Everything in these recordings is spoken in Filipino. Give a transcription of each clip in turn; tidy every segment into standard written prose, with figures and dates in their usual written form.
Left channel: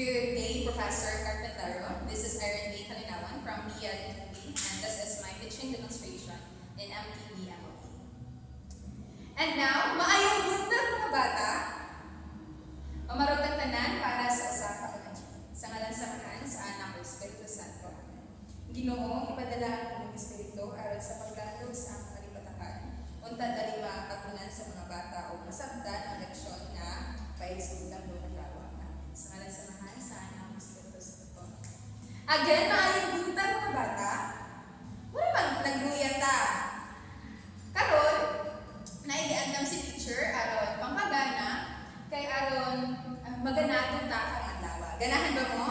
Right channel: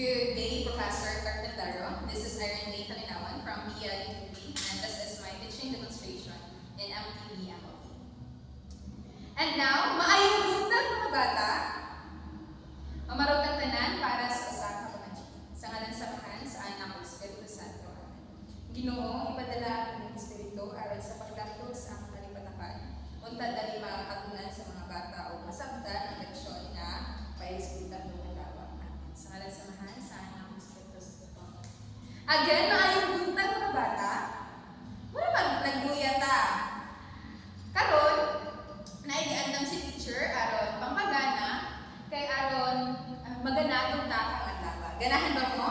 Good day, Professor Carpentero. This is Irene May Kalinawan from BITB, and this is my pitching demonstration in MTB MOE. And now, maayong buntag mga bata, mamarotang tanan para sa usa ka mga sa ngalan samahan sa anak ko Espiritu Santo. Amen. Ginoo, ipadala ang aming Espiritu aron sa pagdakop sa among kalipatakan. Untad dali makatunan sa mga bata o masabtan ang leksyon nga paigsutan do adlaw. Amen. Sa ngalan samahan sa anak ko Espiritu Santo. Again, maayong buntag mga bata. Wala nagbuyata. Karon, naigiandam si teacher aron pampagana kay aron maganadong ta kang adlaw. Ganahan ba mo?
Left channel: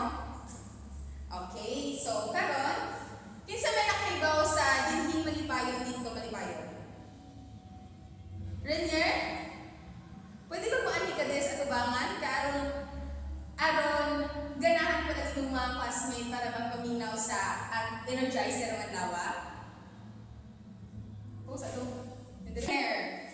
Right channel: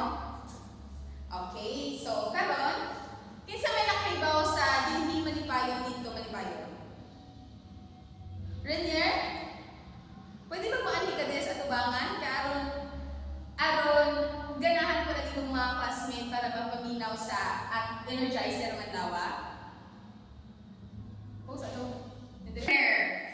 Okay, so karon kinsa may nakaibaw sa dinhi malipayon dito malipayon? Renier? Pwede ba mo ani ka des atubangan karon aron ganahan ko na itong mga classmate para magpaminaw sa at energizer ng adlaw? Oh, sa to. There.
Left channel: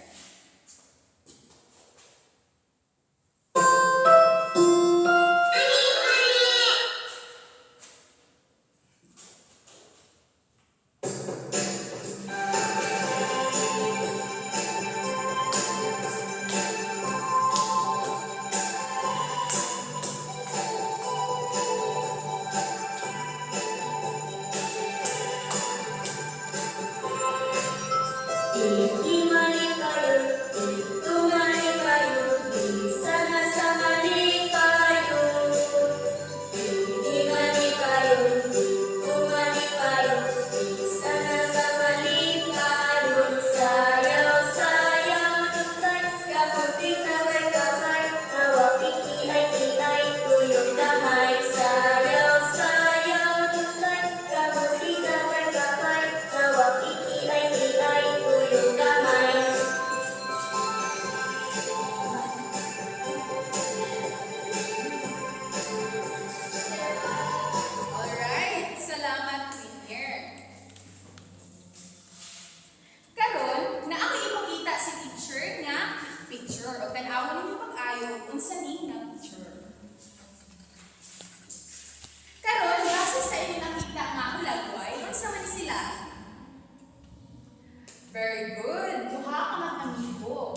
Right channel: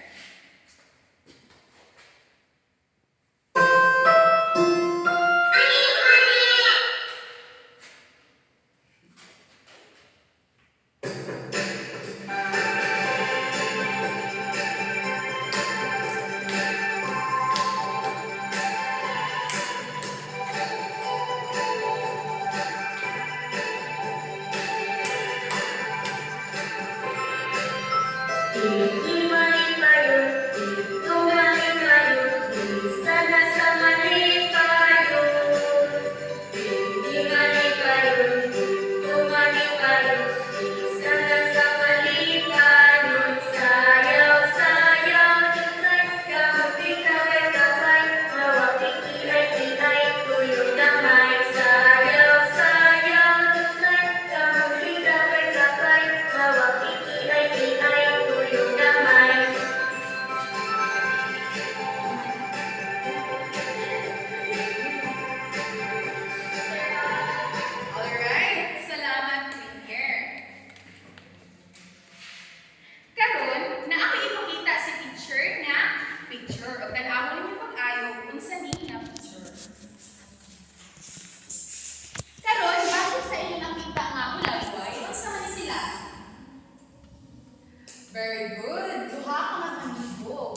Very good. Duha ka manamibo.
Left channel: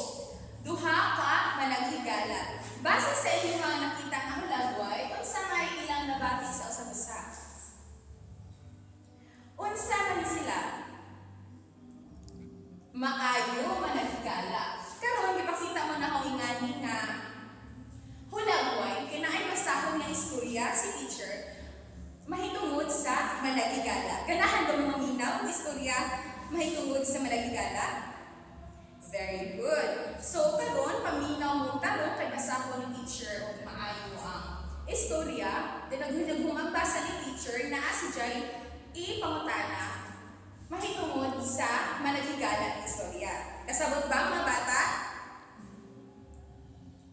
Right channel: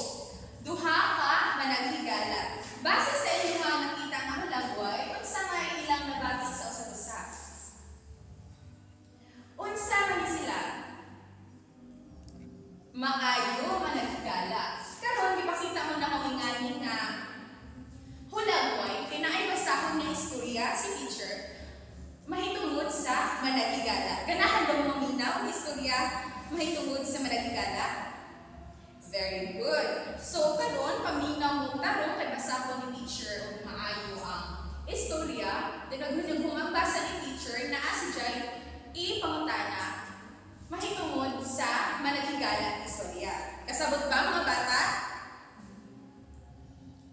Duha ka managhigala. Base sa inyo nga nakita nga hulagway, unsa may ilang nabati sa usab-usa? Unsa man sila? Maayo managhigala. Karon gipakita mo na kawinganin nga hulagway kinaay basahon nga istorya si teacher mahitungod sa managhigala. Ganahan ba mo maminaw ang istorya mahitungod sa managhigala? Very good. So, karon paminaw mo tarong kay basahon ni teacher o maayo ang istorya, then naghumambasa ni teacher na asijay ipangutana mahitungod sa managhigala ang istorya. Kasabot ba mga bata?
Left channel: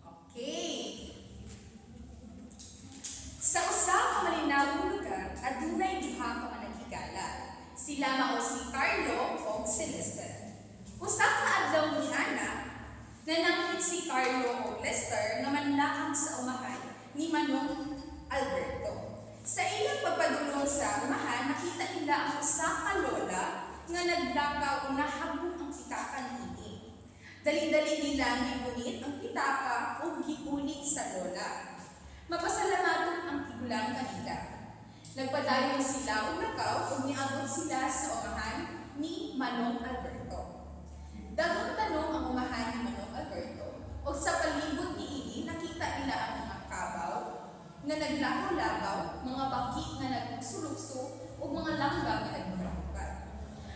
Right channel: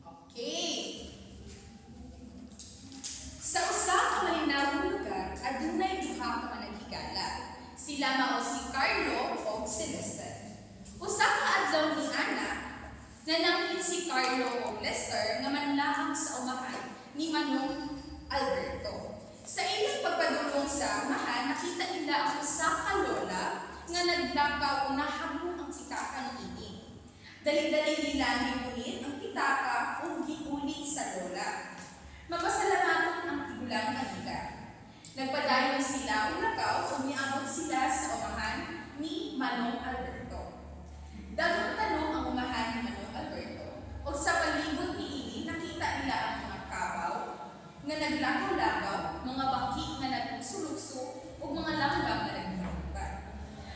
Okay. Sa usa ka malinawong lugar, adunay duha ka managhigala. Sila mao si Carlo o si Lester. Usa ka adlaw ni Ana, nanangkit si Carlo o Lester nga manlaang sa umahan ni Manong Alberto. Sa ilang pagpadulong sa umahan, nakita nila ang usa ka lola nga naglakaw o nahabong ang pitaka ni Ining. Dali-dali nila gipunit ang pitaka o giulit sa lola. Mapasalamaton ang tigulang kanila. Nagpadayon sila o lakaw o niabot sila sa umahan ni Manong Alberto. Daghang tanong ang umahan ni Manong Alberto o sa palibot ni Ili nakita nila ang mga kabaw nga naglakaw-lakaw, mga baki nga nagsulukso o mga langgam nga nagpapagpad.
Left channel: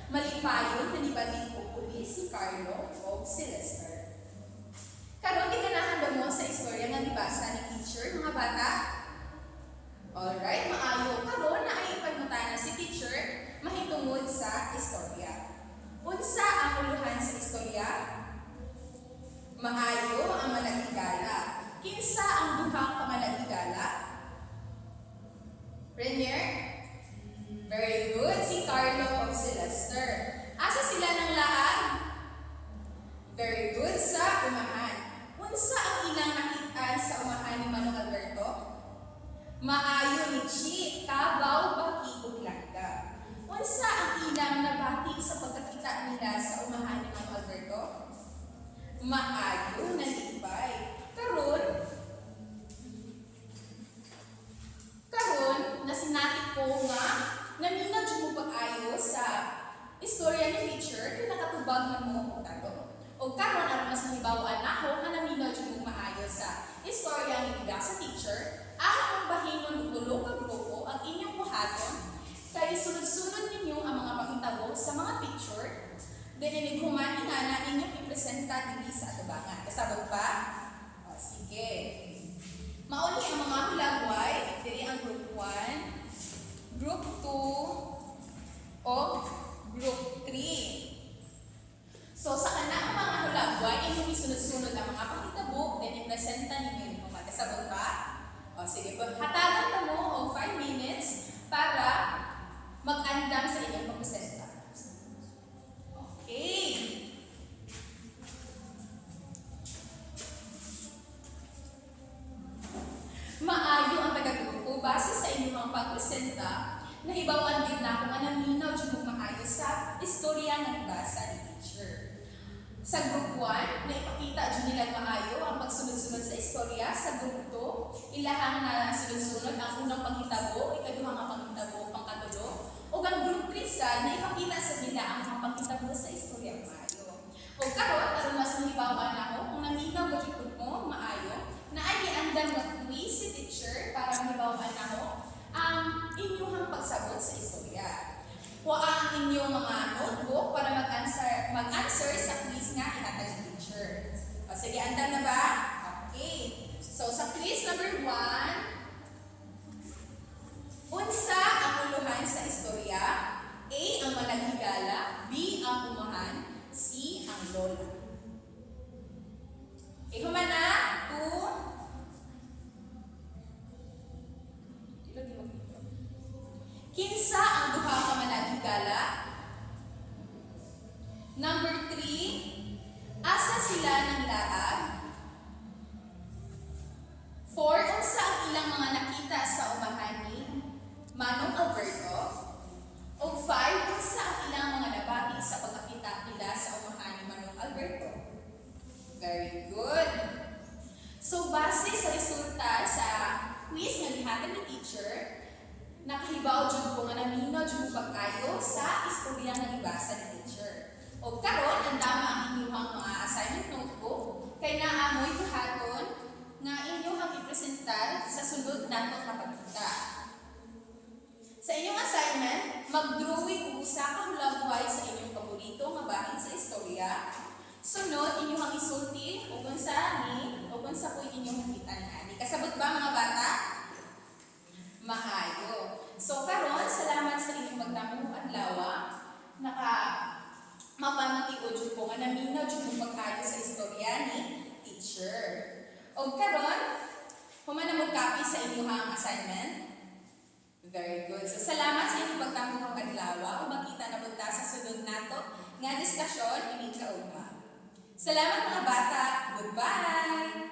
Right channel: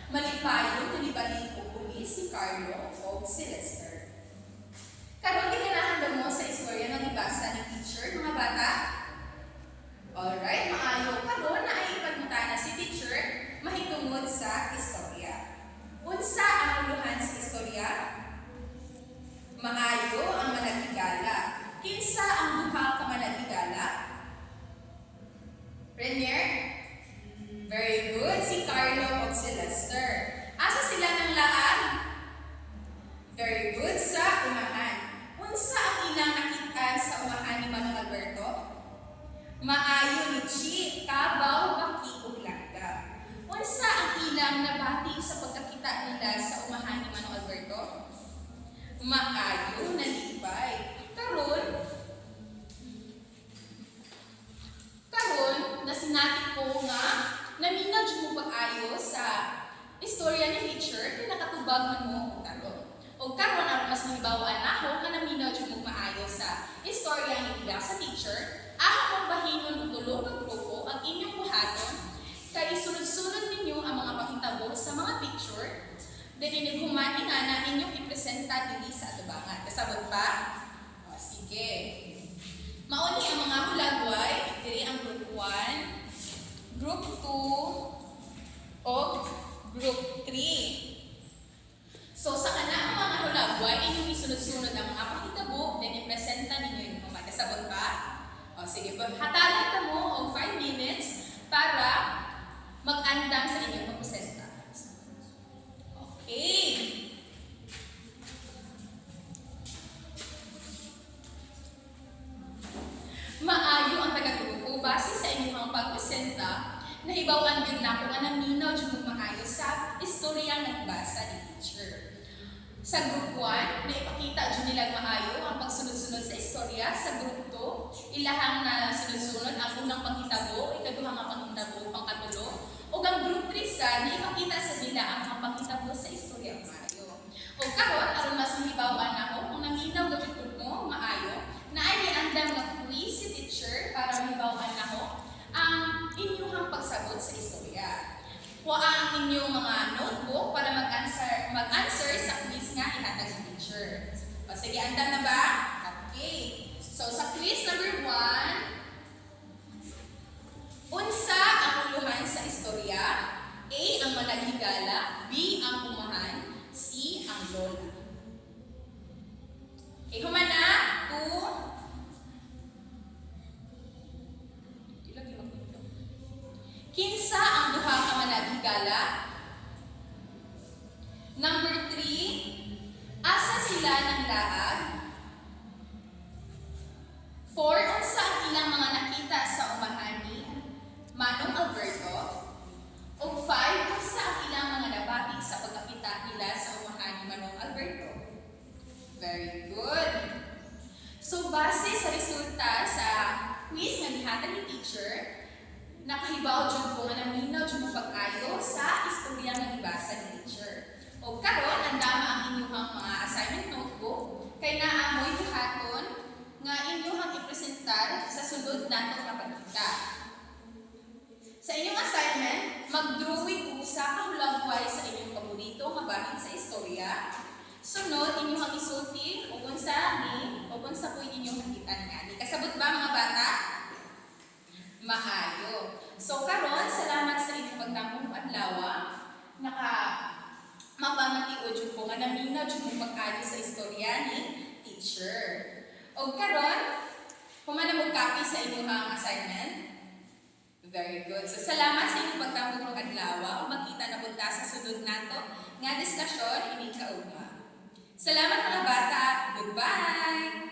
Malipayon na nibalik o uli si Carlo o si Lester. Karon ganahan mo sa istorya nga gibasa ni teacher mga bata? Alright, maayo. Karon na ay ipagmutana si teacher mahitungod sa istorya. Unsa ang uluhan sa istorya? Maayo ang managhigala. Kinsa ang duha ka managhigala? Renier? Very good. Si Carlo o si Lester. Asa sila ng laag? Very good. Sa umahan. Unsa ang ilang nakitaan sa umahan ni Manong Alberto? Maayo ni Chi, kabaw baki ug langga. Unsa ang ilang nabati sa pagkakita nila sa umahan ni Manong Alberto? Maayo na lipay. Karon nasinati ko nga naminaw jud mo pag-ayo sa istorya ni teacher kay nakatubag man mo og karon. Og karon aron mas mahibaw-an nako nga naminaw jud mo maayo sa istorya ni ila sa teacher, ahon mong bahinon og tulo ka grupo ang inyong buhaton kay sunod-sunod ninyo ang mga pakitabo sa mga picture dili human ingana inyong ipresenta diri sa atubangan. Kasabot pa? O sige. Mauni ang mga hulagway, diri ang group 1, group 2, o group 3. So sa kanang mga hulagway, inyong isunod-sunod ang mga pakitabo, then ipresenta ninyo yung mga kasabot pa. O sige po, hatagan ka mo og 5 minutes para mag-andam sa inyong pagpresenta. Okay. Maayo ang taga-grupo base sa inyong pagpresenta, nahibawan din na kung naminaw jud maayo sa istorya nga nabasa ni teacher. Sa group 1, naipakita jud nila maayo ang pagsunod-sunod sa istorya. Sa group 2, ilahang na sunod-sunod ang unang panghitabo, ikaduhang nga panghitabo, pangkatulo, ug ang group 3 sa naipakita sa nila ang mga panghitabo sa istorya maayo. Ug karon aron mas mahibaw-an nako kung naminaw gud mo maayo, naay giandam nga quiz si teacher para mahibaw-an nako ang inyong pagsabot sa istorya. Kuha ang inyong mga notebook para mag-answer sa quiz nga ihatag sa teacher. O sige, andam na ba? Okay. So sa quiz number 1, unsa ang uluhan sa istorya? A. Ang managhigala, B. Ang umahan, C. Ang lola. Okay, humana, 2. Kinsa ang duha ka managhigala? Number 3, asa sila ng laag? 4, unsa ang ilang mga nakita sa umahan ni Manong Alberto? O 5, unsa ang ilang mga nabati sa pagkakita nila sa umahan ni Manong Alberto? Very good. So base sa resulta sa quiz nga gihatag ni teacher, nakahibaw jud ko nga naminaw jud mo pag-ayo sa istorya nga gibasa ni teacher. O karon andama ang inyong mga assignment notebook kay naa mo'y buhaton nga inyong ipresentar sa sulod nato nga pagkita. Sa inyong assignment, mag-drawing usa ka hulagway sa inyong paborito nga bahin sa istorya. Sunod inyong isulti ug unsa ni ug unsa puy inyong nakita ani. Kasabot ba mga bata? Maayo. So karon salamat sa inyong pagtambong adlaw. Mapamatiod jud ko nga naminaw jud mo pag-ayo sa istorya ni teacher. Og karon humana mo copy sa inyong assignment. Very good. So salamat sa inyong pagtambong adlaw. Ug makita na punta sa sunod nato nga diskusyon ini kaugma. Salamat mga bata. Goodbye.